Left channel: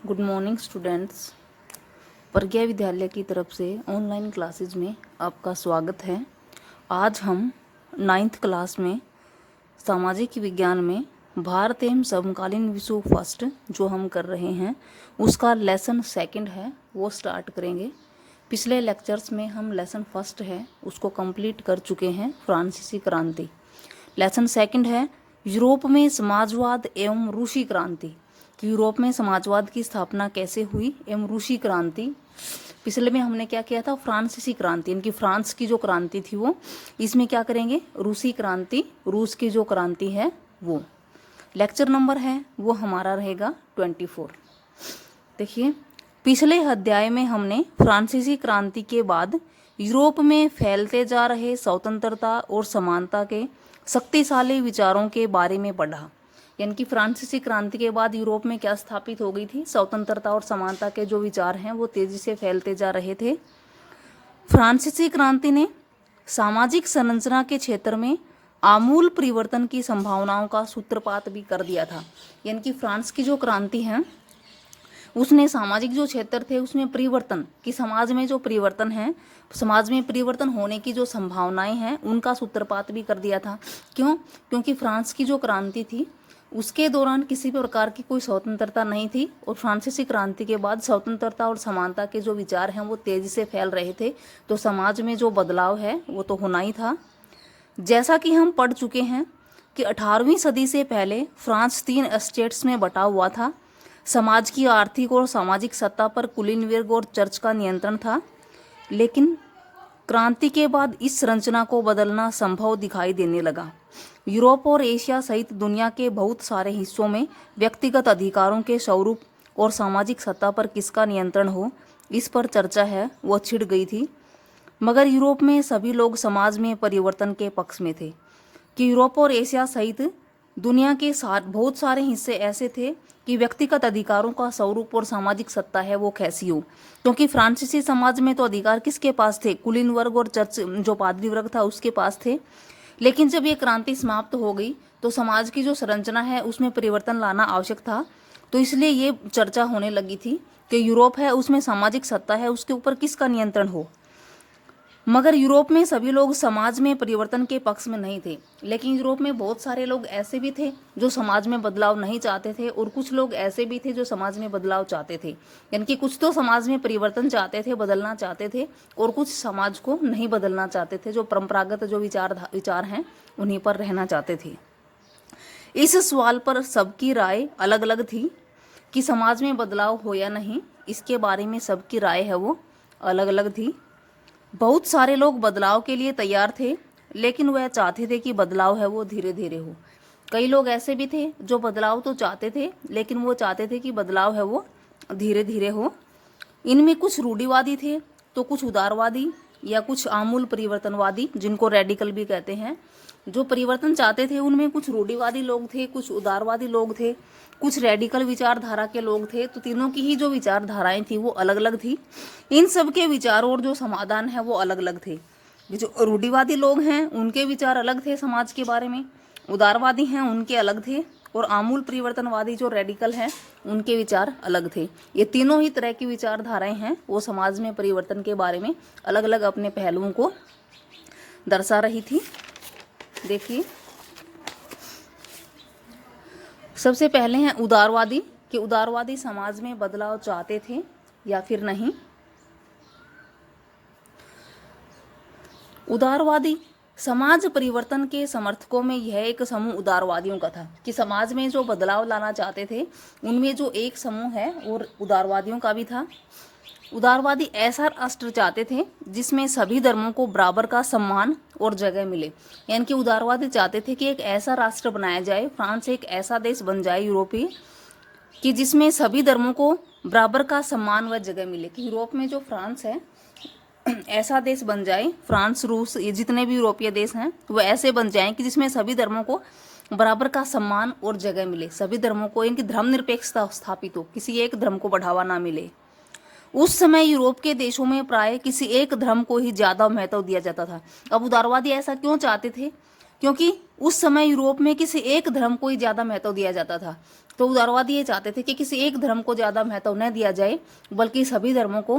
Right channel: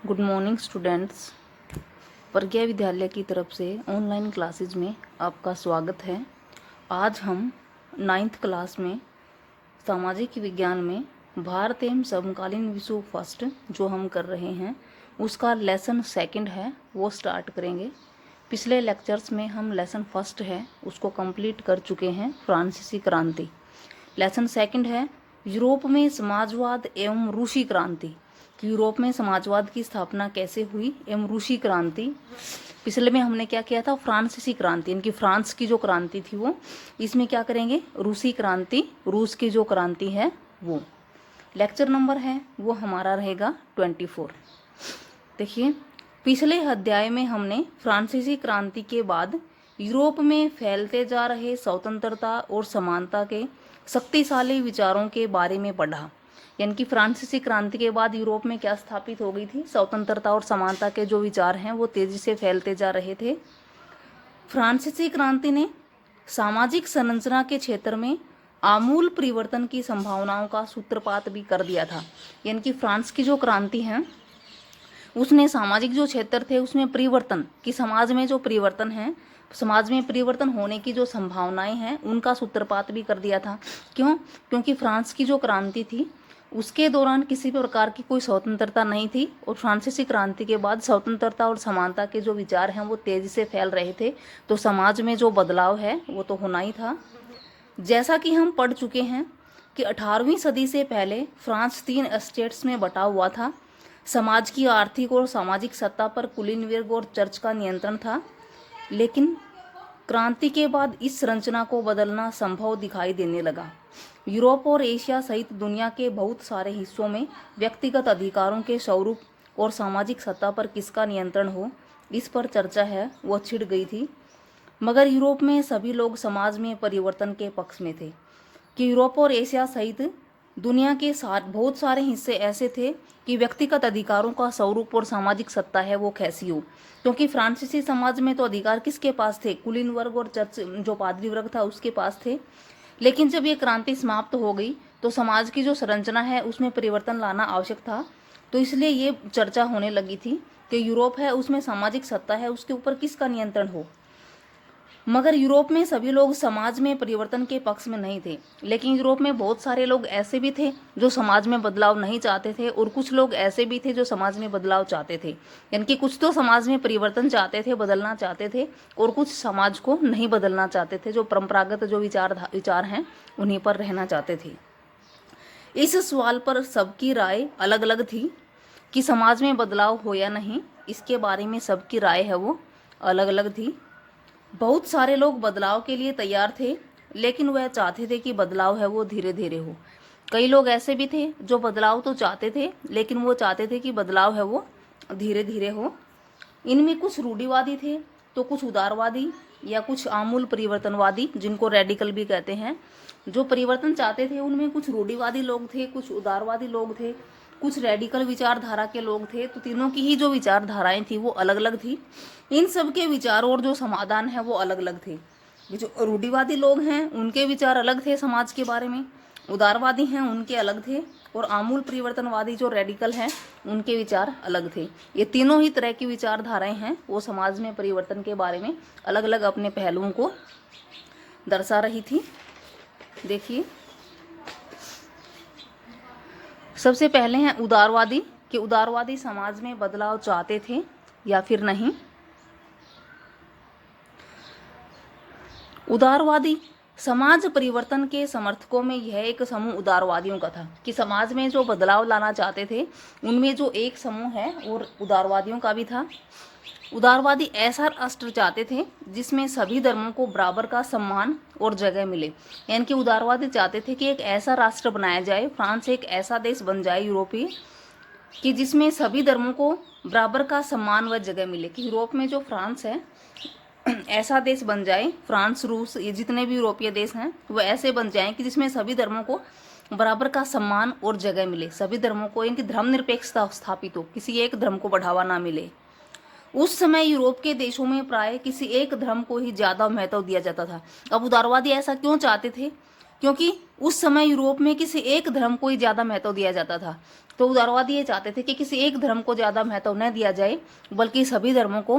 Good morning students. प्रज्ञा विद्यालय की तरफ से ऑनलाइन क्लासेज में आपका स्वागत है। आज हम 9th क्लास में सामाजिक विज्ञान में भारत एवं समकालीन विश्व फर्स्ट जो हम कर रहे हैं उसका लेसन सेकंड है वो स्टार्ट करेंगे। पिछले लेक्चर्स में हम लेसन फर्स्ट है उसको कंप्लीट कर चुके हैं, फ्रांसीसी क्रांति। लेसन सेकंड है यूरोप में समाजवाद एवं रूसी क्रांति, कि यूरोप में समाजवाद की स्थापना कैसे हुई एवं रूसी क्रांति। पिछले में हमने क्या किया था, फ्रांसीसी क्रांति, इनकी फ्रांस की जो क्रांति थी वो। इसमें क्या करेंगे, रूसी क्रांति, रूस की जो क्रांति है वो। लेक्चर नंबर है वो हमारा रहेगा 24। देखिए, पिछले अध्याय में हमने फ्रांसीसी क्रांति के बाद यूरोप में फैलते जा रहे स्वतंत्रता और समानता के शक्तिशाली विचारों के बारे में पढ़ा। यानी कि फ्रांसीसी क्रांति के बाद यूरोप में क्या स्थापित हो गई थी, स्वतंत्रता और समानता के जो विचार हैं वो तेजी से फैलते जा रहे थे। फ्रांसीसी क्रांति ने सामाजिक संरचना के क्षेत्र में आमूल परिवर्तन की संभावनाओं का सूत्रपात भी कर दिया था। यानी कि फ्रांस की जो क्रांति है उसने सामाजिक जो क्षेत्र थे उसमें परिवर्तन कि समाज में जो परिवर्तन है, समाज में परिवर्तन होने की जो संभावनाएं हैं उनका सूत्रपात भी कर दिया था। क्यों? क्योंकि फ्रांस की जो क्रांति थी उसके दौरान किसी भी प्रकार की कोई स्वतंत्रता नहीं थी और फ्रांसीसी क्रांति के बाद स्वतंत्रता और समानता के जो विचार हैं वो तेजी से फैल रहे थे, तो समाज में जो बदलाव है वो तो होना ही था। जैसा कि हम पढ़ चुके हैं कि 18वीं सदी से पहले फ्रांस 3 स्टेट्स में बटा हुआ था। समाज की आर्थिक और सामाजिक सत्ता पर कुलीन वर्ग और चर्च का नियंत्रण था, लेकिन क्रांति के बाद इस संरचना को बदलना संभव दिखाई देने लगा। यूरोप और एशिया सहित दुनिया के बहुत सारे हिस्सों में व्यक्तिगत अधिकारों के स्वरूप और सामाजिक सत्ता पर किसका नियंत्रण हो, इस पर चर्चा है वो छिड़ गई थी। मगर यूरोप में सभी लोग समाज में परिवर्तन के पक्ष में थे। कि यूरोप और एशिया सहित दुनिया के बहुत सारे हिस्से ऐसे थे कि व्यक्तिगत अधिकारों का स्वरूप और सामाजिक सत्ता है वो कैसी हो। क्योंकि फ्रांसीसी समाज में तो अधिकार किसके पास थे, कुलीन वर्ग और चर्च जो पादरी वर्ग था उसके पास थे। लेकिन जब ये क्रांति समाप्त हो गई तो समाज की जो संरचना है उसमें परिवर्तन लाना आवश्यक था। तो इसलिए ये चर्चा होने लगी थी कि यूरोप है उसमें सामाजिक सत्ता है उसके ऊपर किसका नियंत्रण हो। मगर यूरोप में सभी लोग समाज में परिवर्तन के पक्ष में नहीं थे, लेकिन यूरोप में बहुत सारे लोग ऐसे भी थे जो समाज में बदलाव नहीं चाहते थे और कुछ लोग ऐसे भी थे जो समाज में बदलाव चाहते थे। यानी कि कुछ तो समाज में परिवर्तन चाहते थे, बदलना चाहते थे, और कुछ समाज को नहीं बदलना चाहते थे, जो परंपरागत जो विचार हैं उन्हीं पर रहना चाहते थे। इस सवाल पर सबकी राय अलग अलग थी कि समाज में बदलाव हो या नहीं, इसके बारे में सबकी राय है वो अलग अलग थी। बहुत सारे लोग बदलाव के लिए तैयार थे, लेकिन वह चाहते थे कि बदलाव है वो धीरे धीरे हो। कई लोग ऐसे भी थे जो बदलाव तो चाहते थे, लेकिन वो चाहते थे कि बदलाव है वो धीरे धीरे हो। इनमें कुछ रूढ़िवादी थे तो कुछ उदारवादी या कुछ आमूल परिवर्तनवादी, जिनको रेडिकल भी कहते हैं। जो परिवर्तन चाहते थे उनमें कुछ रूढ़िवादी लोग थे, कुछ उदारवादी लोग थे, कुछ रेडिकल विचारधारा के लोग थे। तो तीनों की ही जो विचारधाराएं थी वो अलग अलग थी। इन सब के विचारों और जो समाधान है वो अलग अलग थे। जो रूढ़िवादी लोग हैं उनके विचार अलग थे समाज के बारे में, उदारवादी हैं उनके अलग थे, और आमूल परिवर्तनवादी जो रेडिकल हैं उनके विचार अलग थे। ये तीनों ही तरह की विचारधाराएं हैं वो समाज में परिवर्तन के बारे में अलग अलग अपने पहलुओं को दर्शा रही थी। देखिए, सबसे पहले हैं उदारवादी, कि उदारवादी समाज में बदलाव चाहते थे या फिर नहीं। उदारवादी समाज परिवर्तन के समर्थकों में यह एक समूह उदारवादियों का था, कि समाज में जो बदलाव लाना चाहते थे उनमें जो एक समूह है और उदारवादियों का भी था। उदारवादी ऐसा राष्ट्र चाहते थे जिसमें सभी धर्मों को बराबर का सम्मान और जगह मिले। यानी कि उदारवादी चाहते थे कि एक ऐसा राष्ट्र बनाया जाए, फ्रांस एक ऐसा देश बन जाए यूरोपीय, कि जिसमें सभी धर्मों को बराबर का सम्मान व जगह मिले। कि यूरोप में जो फ्रांस है ऐसा देश बन जाए, फ्रांस, रूस, ये जितने भी यूरोपीय देश हैं वो ऐसे बन जाएं कि जिसमें सभी धर्मों को बराबर का सम्मान और जगह मिले। सभी धर्मों को, इनकी धर्मनिरपेक्षता स्थापित हो, किसी एक धर्म को बढ़ावा ना मिले। उस समय यूरोप के देशों में प्राय किसी एक धर्म को ही ज्यादा महत्व दिया जाता था। अब उदारवादी ऐसा क्यों चाहते थे? क्योंकि उस समय यूरोप में किसी एक धर्म को ही ज़्यादा महत्व दिया जाता था। तो उदारवादी ये चाहते थे कि किसी एक धर्म को ज़्यादा महत्व न दिया जाए, बल्कि सभी धर्मों को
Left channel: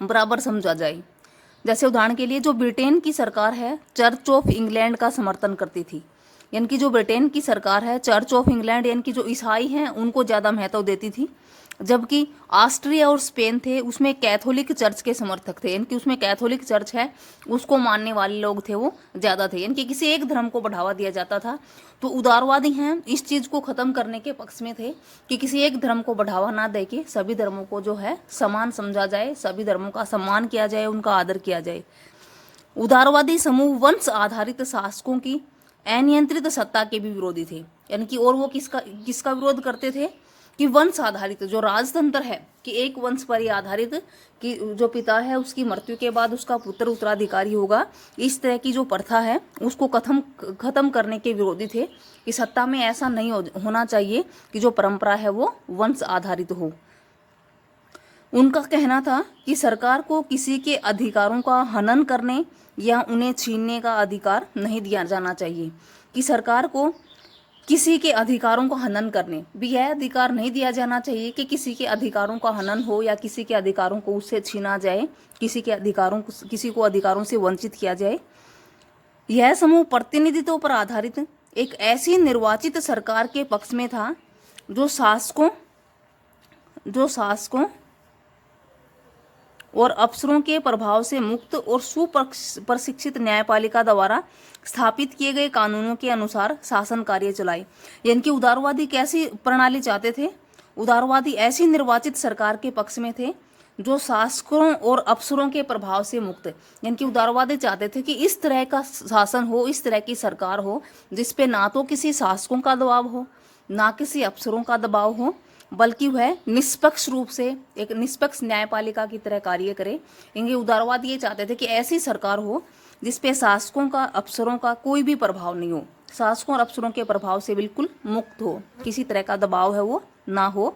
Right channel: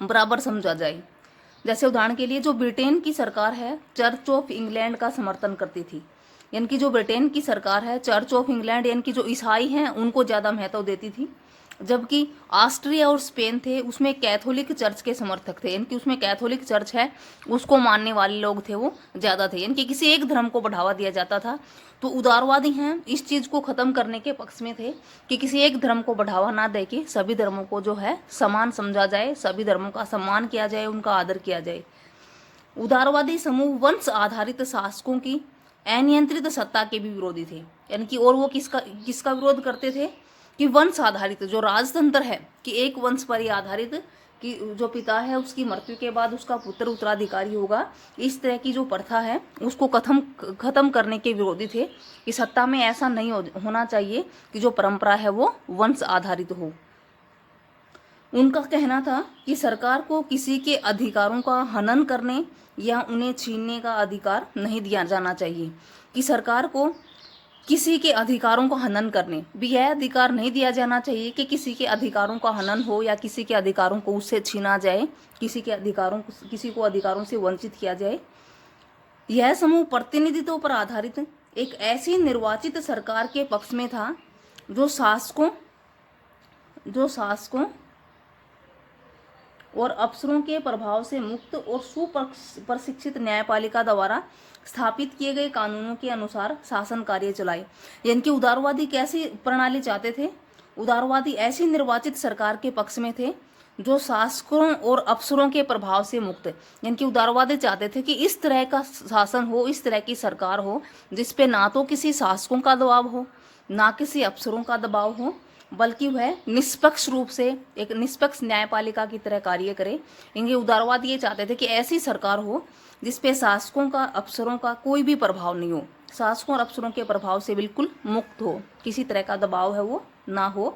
बराबर समझा जाए। जैसे उदाहरण के लिए जो ब्रिटेन की सरकार है, चर्च ऑफ इंग्लैंड का समर्थन करती थी। यानी कि जो ब्रिटेन की सरकार है, चर्च ऑफ इंग्लैंड यानी कि जो ईसाई हैं उनको ज़्यादा महत्व देती थी, जबकि ऑस्ट्रिया और स्पेन थे उसमें कैथोलिक चर्च के समर्थक थे। यानी कि उसमें कैथोलिक चर्च है उसको मानने वाले लोग थे वो ज़्यादा थे। यानी कि किसी एक धर्म को बढ़ावा दिया जाता था। तो उदारवादी हैं इस चीज़ को ख़त्म करने के पक्ष में थे कि किसी एक धर्म को बढ़ावा ना दे के सभी धर्मों को जो है समान समझा जाए, सभी धर्मों का सम्मान किया जाए, उनका आदर किया जाए। उदारवादी समूह वंश आधारित शासकों की अनियंत्रित सत्ता के भी विरोधी थे। यानी कि और वो किसका विरोध करते थे कि वंश आधारित जो राजतंत्र है कि एक वंश पर ही आधारित कि जो पिता है उसकी मृत्यु के बाद उसका पुत्र उत्तराधिकारी होगा, इस तरह की जो प्रथा है उसको खत्म करने के विरोधी थे कि सत्ता में ऐसा नहीं होना चाहिए कि जो परंपरा है वो वंश आधारित हो। उनका कहना था कि सरकार को किसी के अधिकारों का हनन करने या उन्हें छीनने का अधिकार नहीं दिया जाना चाहिए, कि सरकार को किसी के अधिकारों का हनन करने भी यह अधिकार नहीं दिया जाना चाहिए कि किसी के अधिकारों का हनन हो या किसी के अधिकारों को उससे छीना जाए, किसी को अधिकारों से वंचित किया जाए। यह समूह प्रतिनिधित्व पर आधारित एक ऐसी निर्वाचित सरकार के पक्ष में था जो शासकों और अफसरों के प्रभाव से मुक्त और सुप्रशिक्षित न्यायपालिका द्वारा स्थापित किए गए कानूनों के अनुसार शासन कार्य चलाए। यानी कि उदारवादी कैसी प्रणाली चाहते थे? उदारवादी ऐसी निर्वाचित सरकार के पक्ष में थे जो शासकों और अफसरों के प्रभाव से मुक्त। यानी कि उदारवादी चाहते थे कि इस तरह का शासन हो, इस तरह की सरकार हो जिसपे ना तो किसी शासकों का दबाव हो, ना किसी अफसरों का दबाव हो, बल्कि वह निष्पक्ष रूप से एक निष्पक्ष न्यायपालिका की तरह कार्य करे। इनके उदारवाद ये चाहते थे कि ऐसी सरकार हो जिसपे शासकों का, अफसरों का कोई भी प्रभाव नहीं हो, शासकों और अफसरों के प्रभाव से बिल्कुल मुक्त हो, किसी तरह का दबाव है वो ना हो,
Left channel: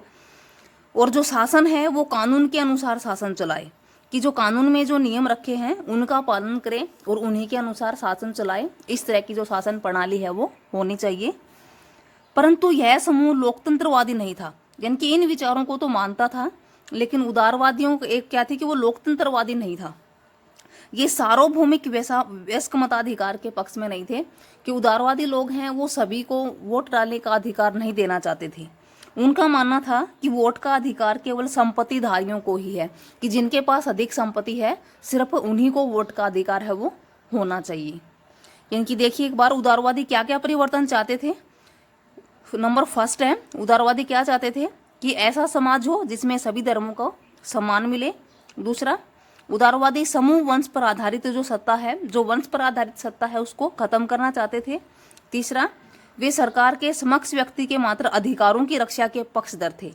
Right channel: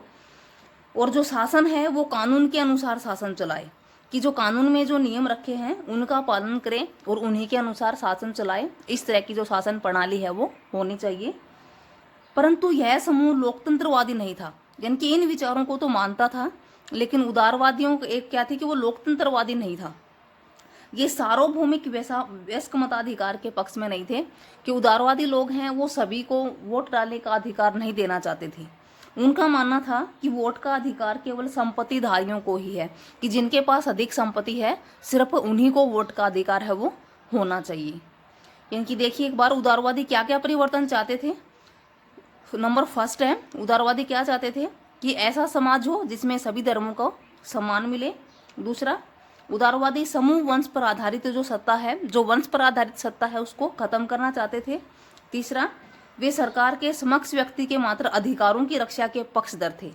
और जो शासन है वो कानून के अनुसार शासन चलाए, कि जो कानून में जो नियम रखे हैं उनका पालन करें और उन्हीं के अनुसार शासन चलाए। इस तरह की जो शासन प्रणाली है वो होनी चाहिए। परंतु यह समूह लोकतंत्रवादी नहीं था। यानी कि इन विचारों को तो मानता था, लेकिन उदारवादियों को एक क्या थी कि वो लोकतंत्रवादी नहीं था। ये सार्वभौमिक वयस्क मताधिकार के पक्ष में नहीं थे कि उदारवादी लोग हैं वो सभी को वोट डालने का अधिकार नहीं देना चाहते थे। उनका मानना था कि वोट का अधिकार केवल संपत्तिधारियों को ही है, कि जिनके पास अधिक संपत्ति है सिर्फ उन्हीं को वोट का अधिकार है वो होना चाहिए। यानी कि देखिए एक बार उदारवादी क्या क्या परिवर्तन चाहते थे। नंबर फर्स्ट है, उदारवादी क्या चाहते थे कि ऐसा समाज हो जिसमें सभी धर्मों को सम्मान मिले। दूसरा, उदारवादी समूह वंश पर आधारित जो सत्ता है, जो वंश पर आधारित सत्ता है उसको खत्म करना चाहते थे। तीसरा, वे सरकार के समक्ष व्यक्ति के मात्र अधिकारों की रक्षा के पक्षधर थे।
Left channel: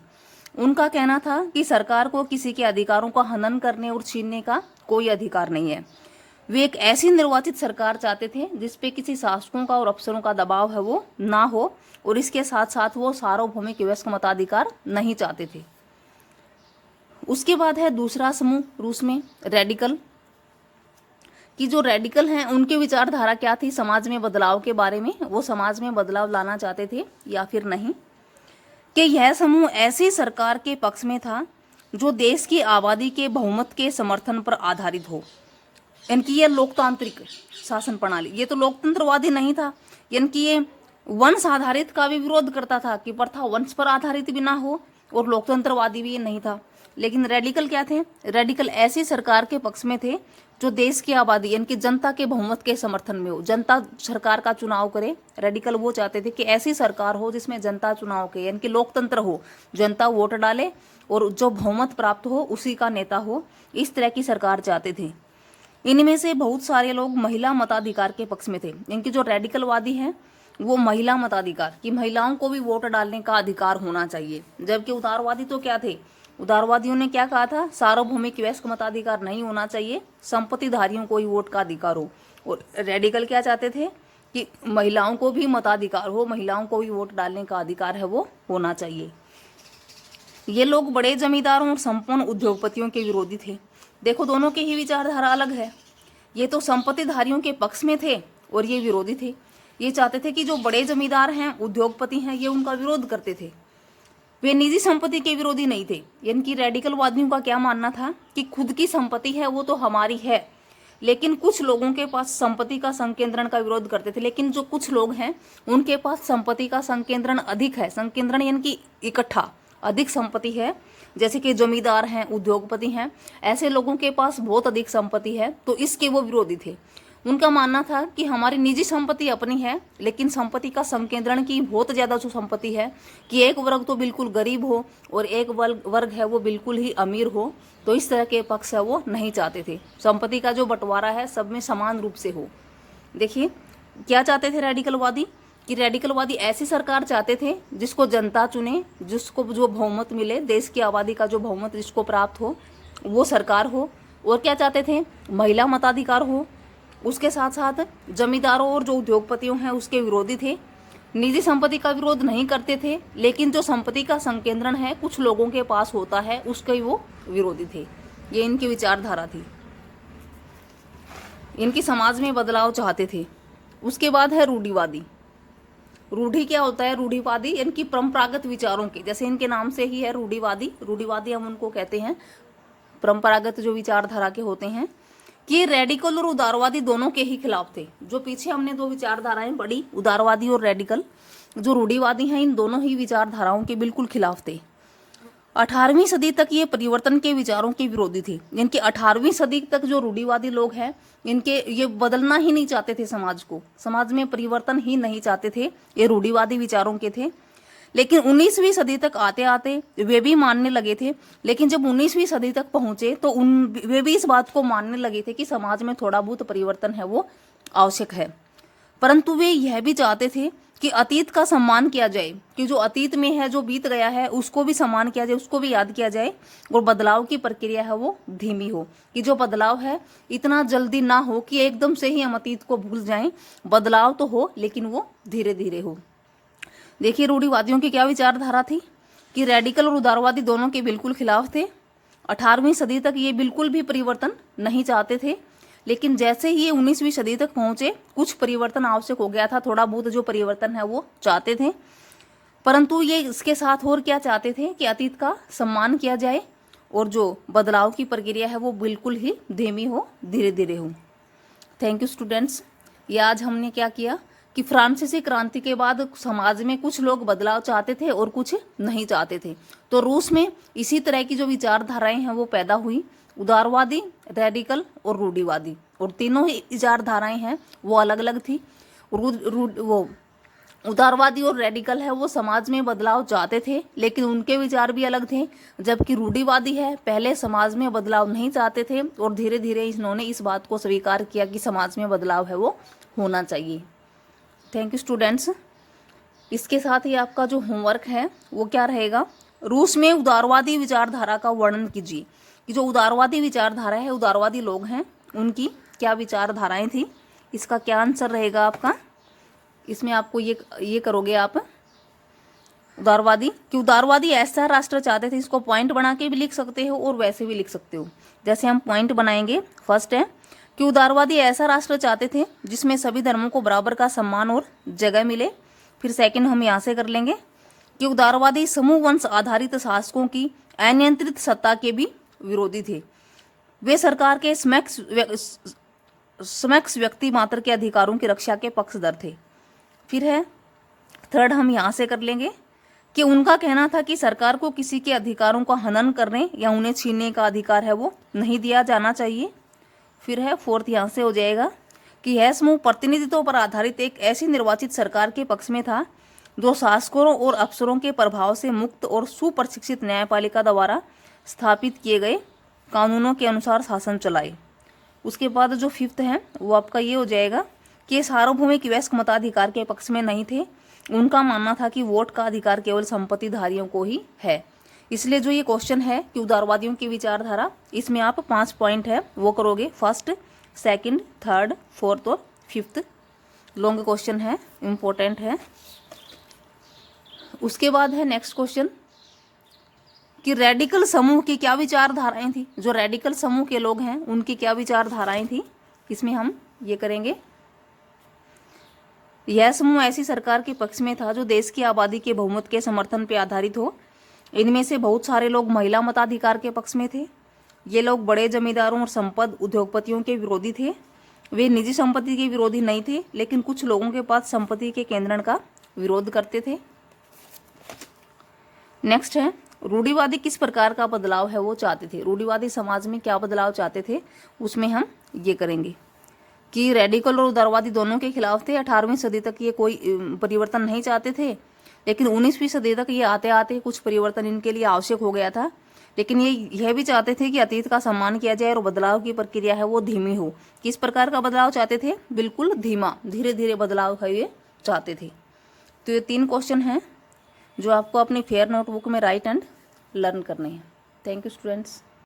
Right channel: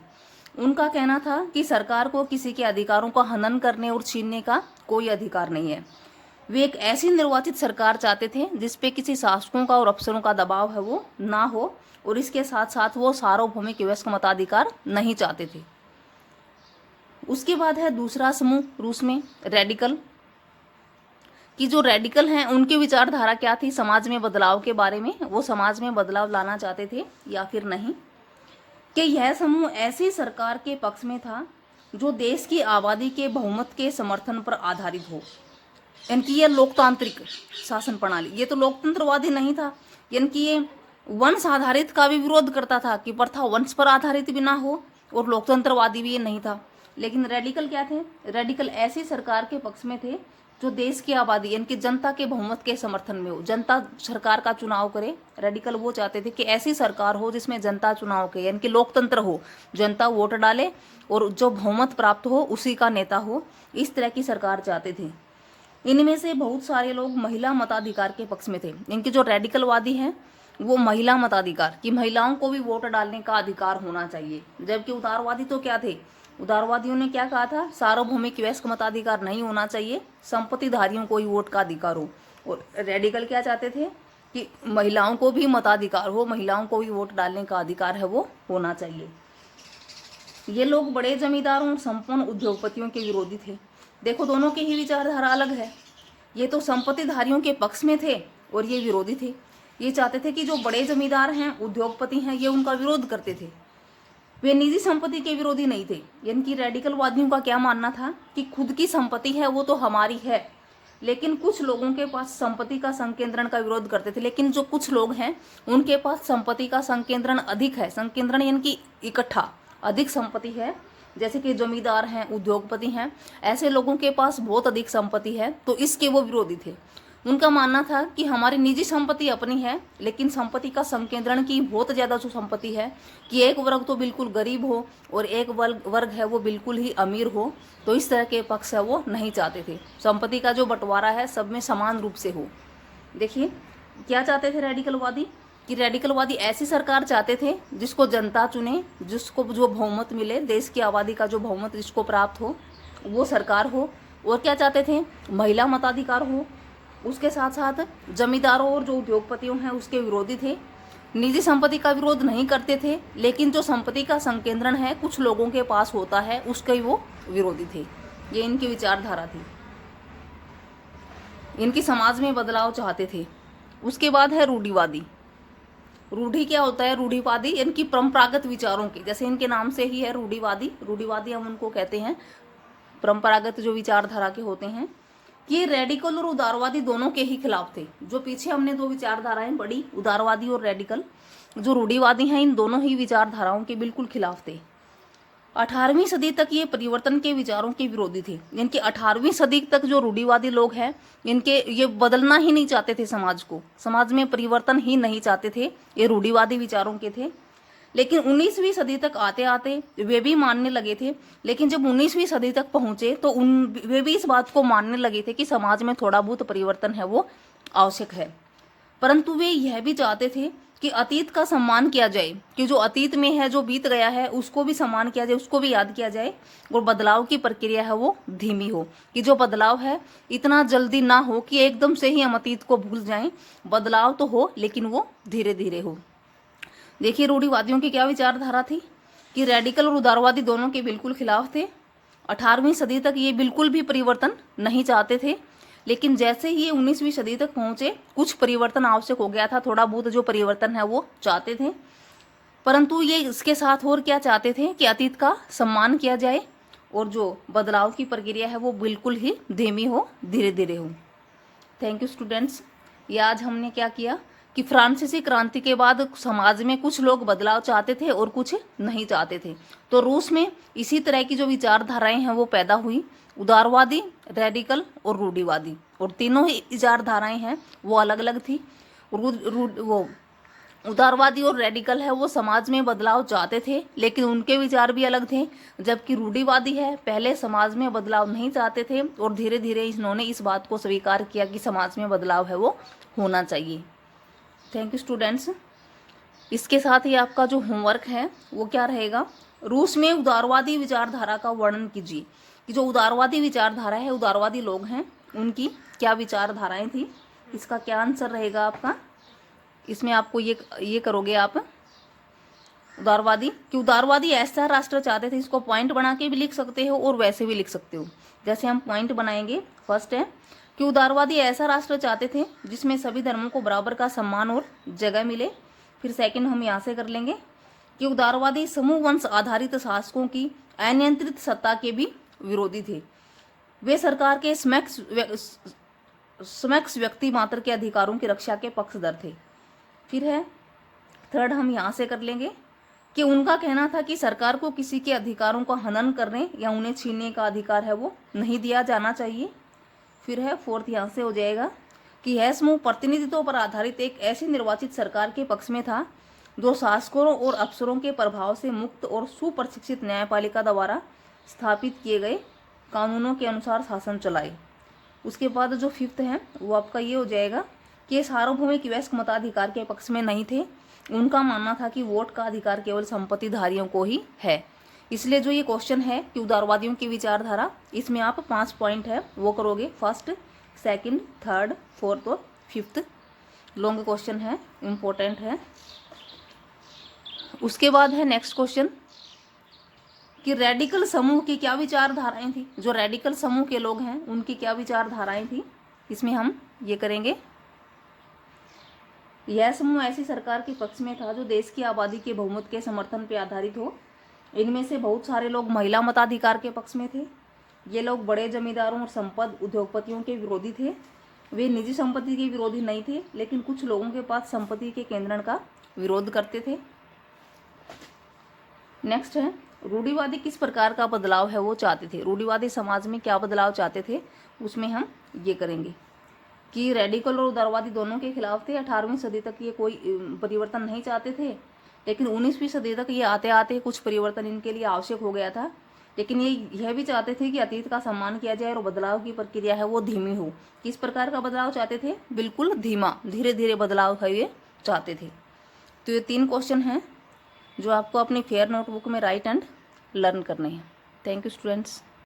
उनका कहना था कि सरकार को किसी के अधिकारों का हनन करने और छीनने का कोई अधिकार नहीं है। वे एक ऐसी निर्वाचित सरकार चाहते थे जिसपे किसी शासकों का और अफसरों का दबाव है वो ना हो, और इसके साथ साथ वो सार्वभौमिक वयस्क मताधिकार नहीं चाहते थे। उसके बाद है दूसरा समूह रूस में रेडिकल, कि जो रेडिकल हैं उनकी विचारधारा क्या थी समाज में बदलाव के बारे में, वो समाज में बदलाव लाना चाहते थे या फिर नहीं। कि यह समूह ऐसी सरकार के पक्ष में था जो देश की आबादी के बहुमत के समर्थन पर आधारित हो। इनकी यह लोकतांत्रिक शासन प्रणाली, ये तो लोकतंत्रवादी नहीं था। यानी कि ये वंश आधारित का भी विरोध करता था कि प्रथा वंश पर आधारित भी ना हो, और लोकतंत्रवादी भी ये नहीं था। लेकिन रेडिकल क्या थे? रेडिकल ऐसी सरकार के पक्ष में थे जो देश की आबादी यानी कि जनता के बहुमत के समर्थन में हो, जनता सरकार का चुनाव करे। रेडिकल वो चाहते थे कि ऐसी सरकार हो जिसमें जनता चुनाव के यानी कि लोकतंत्र हो, जनता वोट डाले और जो बहुमत प्राप्त हो उसी का नेता हो, इस तरह की सरकार चाहते थे। इनमें से बहुत सारे लोग महिला मताधिकार के पक्ष में थे। इनके जो रेडिकलवादी हैं वो महिला मताधिकार, कि महिलाओं को भी वोट डालने का अधिकार होना चाहिए। जबकि उदारवादी तो क्या थे? उदारवादियों ने क्या कहा था? सार्वभौमिक वयस्क मताधिकार नहीं होना चाहिए, संपत्तिधारियों को ही वोट का अधिकार हो। और रेडिकल क्या चाहते थे कि महिलाओं को भी मताधिकार हो, महिलाओं को भी वोट डालने का अधिकार है वो होना चाहिए। ये लोग बड़े जमींदारों और संपन्न उद्योगपतियों के विरोधी थे। देखो दोनों की ही विचारधारा अलग है। ये तो संपत्तिधारियों के पक्ष में थे और ये विरोधी थे। ये चाहते थे कि जो बड़े जमींदार हैं, उद्योगपति हैं, ये उनका विरोध करते थे। वे निजी संपत्ति के विरोधी नहीं थे। इनकी रेडिकलवादियों का क्या मानना था कि खुद की संपत्ति है वो तो हमारी है, लेकिन कुछ लोगों के पास संपत्ति का संकेंद्रण का विरोध करते थे। लेकिन जो कुछ लोग हैं उनके पास संपत्ति का संकेंद्रण अधिक है। संकेंद्रण यानी कि इकट्ठा अधिक संपत्ति है, जैसे कि जमींदार हैं, उद्योगपति हैं, ऐसे लोगों के पास बहुत अधिक संपत्ति है, तो इसके वो विरोधी थे। उनका मानना था कि हमारी निजी संपत्ति अपनी है, लेकिन संपत्ति का संकेंद्रण की बहुत ज्यादा जो संपत्ति है कि एक वर्ग तो बिल्कुल गरीब हो और एक वर्ग है वो बिल्कुल ही अमीर हो, तो इस तरह के पक्ष है वो नहीं चाहते थे। संपत्ति का जो बंटवारा है सब में समान रूप से हो। देखिए क्या चाहते थे रेडिकलवादी, कि रेडिकलवादी ऐसी सरकार चाहते थे जिसको जनता चुने, जिसको जो बहुमत मिले, देश की आबादी का जो बहुमत जिसको प्राप्त हो वो सरकार हो। और क्या चाहते थे, महिला मताधिकार हो। उसके साथ साथ जमींदारों और जो उद्योगपतियों हैं उसके विरोधी थे। निजी संपत्ति का विरोध नहीं करते थे, लेकिन जो संपत्ति का संकेंद्रण है कुछ लोगों के पास होता है उसके वो विरोधी थे। ये इनकी विचारधारा थी। इनकी समाज में बदलाव चाहते थे। उसके बाद है रूढ़िवादी। रूढ़ी क्या होता है, रूढ़िवादी इनकी परंपरागत विचारों के, जैसे इनके नाम से ही है रूढ़िवादी। रूढ़िवादी हम उनको कहते हैं परंपरागत जो विचारधारा के होते हैं, कि रेडिकल और उदारवादी दोनों के ही खिलाफ थे। जो पीछे हमने दो विचारधाराएं पढ़ी, उदारवादी और रेडिकल, जो रूढ़िवादी हैं इन दोनों ही विचारधाराओं के बिल्कुल खिलाफ थे। 18वीं सदी तक ये परिवर्तन के विचारों के विरोधी थे। इनकी 18वीं सदी तक जो रूढ़िवादी लोग हैं इनके ये बदलना ही नहीं चाहते थे समाज को, समाज में परिवर्तन ही नहीं चाहते थे, ये रूढ़िवादी विचारों के थे। लेकिन 19वीं सदी तक आते आते वे भी मानने लगे थे। लेकिन जब 19वीं सदी तक पहुंचे तो वे भी इस बात को मानने लगे थे कि समाज में थोड़ा बहुत परिवर्तन है वो आवश्यक है। परंतु वे यह भी चाहते थे कि अतीत का सम्मान किया जाए, कि जो अतीत में है, जो बीत गया है, उसको भी सम्मान किया जाए, उसको भी याद किया जाए, और बदलाव की प्रक्रिया है वो धीमी हो, कि जो बदलाव है इतना जल्दी ना हो कि एकदम से ही हम अतीत को भूल जाएं। बदलाव तो हो लेकिन वो धीरे धीरे हो। देखिए रूढ़िवादियों की क्या विचारधारा थी, कि रेडिकल और उदारवादी दोनों के बिल्कुल खिलाफ थे। 18वीं सदी तक ये बिल्कुल भी परिवर्तन नहीं चाहते थे। लेकिन जैसे ही ये 19वीं सदी तक पहुंचे कुछ परिवर्तन आवश्यक हो गया था, थोड़ा बहुत जो परिवर्तन है वो चाहते थे। परंतु ये इसके साथ और क्या चाहते थे कि अतीत का सम्मान किया जाए और जो बदलाव की प्रक्रिया है वो बिल्कुल ही धीमी हो, धीरे धीरे हो। Thank you students. ये आज हमने क्या किया कि फ्रांसीसी क्रांति के बाद समाज में कुछ लोग बदलाव चाहते थे और कुछ नहीं चाहते थे। तो रूस में इसी तरह की जो विचारधाराएं हैं वो पैदा हुई, उदारवादी, रेडिकल और रूढ़िवादी, और तीनों ही विचारधाराएं हैं वो अलग अलग थी। वो उदारवादी और रेडिकल है वो समाज में बदलाव चाहते थे लेकिन उनके विचार भी अलग थे, जबकि रूढ़िवादी है पहले समाज में बदलाव नहीं चाहते थे और धीरे धीरे इन्होंने इस बात को स्वीकार किया कि समाज में बदलाव है वो होना चाहिए। Thank you students. इसके साथ ही आपका जो होमवर्क है वो क्या रहेगा, रूस में उदारवादी विचारधारा का वर्णन कीजिए, कि जो उदारवादी विचारधारा है, उदारवादी लोग हैं, उनकी क्या विचारधाराएं थी। इसका क्या आंसर रहेगा आपका, इसमें आपको ये करोगे आप उदारवादी, कि उदारवादी ऐसा राष्ट्र चाहते थे, इसको पॉइंट बना के भी लिख सकते हो और वैसे भी लिख सकते हो। जैसे हम पॉइंट बनाएंगे, फर्स्ट है कि उदारवादी ऐसा राष्ट्र चाहते थे जिसमें सभी धर्मों को बराबर का सम्मान और जगह मिले। फिर सेकंड हम यहाँ से कर लेंगे कि उदारवादी समूह वंश आधारित शासकों की अनियंत्रित सत्ता के भी विरोधी थे। वे सरकार के समक्ष व्यक्ति मात्र के अधिकारों की रक्षा के पक्षधर थे। फिर है थर्ड हम यहाँ से कर लेंगे कि उनका कहना था कि सरकार को किसी के अधिकारों का हनन करने या उन्हें छीनने का अधिकार है वो नहीं दिया जाना चाहिए। फिर है फोर्थ यहाँ से हो जाएगा कि यह समूह प्रतिनिधित्व पर आधारित एक ऐसी निर्वाचित सरकार के पक्ष में था जो शासकों और अफसरों के प्रभाव से मुक्त और सुप्रशिक्षित न्यायपालिका द्वारा स्थापित किए गए कानूनों के अनुसार शासन चलाए। उसके बाद जो फिफ्थ है वो आपका ये हो जाएगा कि सार्वभौमिक वयस्क मताधिकार के पक्ष में नहीं थे। उनका मानना था कि वोट का अधिकार केवल संपत्तिधारियों को ही है। इसलिए जो ये क्वेश्चन है कि उदारवादियों की विचारधारा, इसमें आप 5 पॉइंट है वो करोगे, फर्स्ट, सेकंड, थर्ड, फोर्थ और फिफ्थ। लॉन्ग क्वेश्चन है, इम्पोर्टेंट है। उसके बाद है नेक्स्ट क्वेश्चन कि रेडिकल समूह की क्या विचारधाराएं थी। जो रेडिकल समूह के लोग हैं उनकी क्या विचारधाराएं थी, इसमें हम ये करेंगे। यह समूह ऐसी सरकार के पक्ष में था जो देश की आबादी के बहुमत के समर्थन पर आधारित हो। इनमें से बहुत सारे लोग महिला मताधिकार के पक्ष में थे। ये लोग बड़े जमींदारों और संपन्न उद्योगपतियों के विरोधी थे। वे निजी संपत्ति के विरोधी नहीं थे, लेकिन कुछ लोगों के पास संपत्ति के केंद्रण का विरोध करते थे। नेक्स्ट है, रूढ़िवादी किस प्रकार का बदलाव है वो चाहते थे। रूढ़िवादी समाज में क्या बदलाव चाहते थे, उसमें हम ये करेंगे कि रेडिकल और उदारवादी दोनों के खिलाफ थे। 18वीं सदी तक ये कोई परिवर्तन नहीं चाहते थे, लेकिन 19वीं सदी तक ये आते आते कुछ परिवर्तन इनके लिए आवश्यक हो गया था। लेकिन ये यह भी चाहते थे कि अतीत का सम्मान किया जाए और बदलाव की प्रक्रिया है वो धीमी हो। किस प्रकार का बदलाव चाहते थे, बिल्कुल धीमा, धीरे धीरे बदलाव है ये चाहते थे। तो ये 3 क्वेश्चन हैं जो आपको अपनी फेयर नोटबुक में राइट एंड लर्न करने हैं। Thank you students.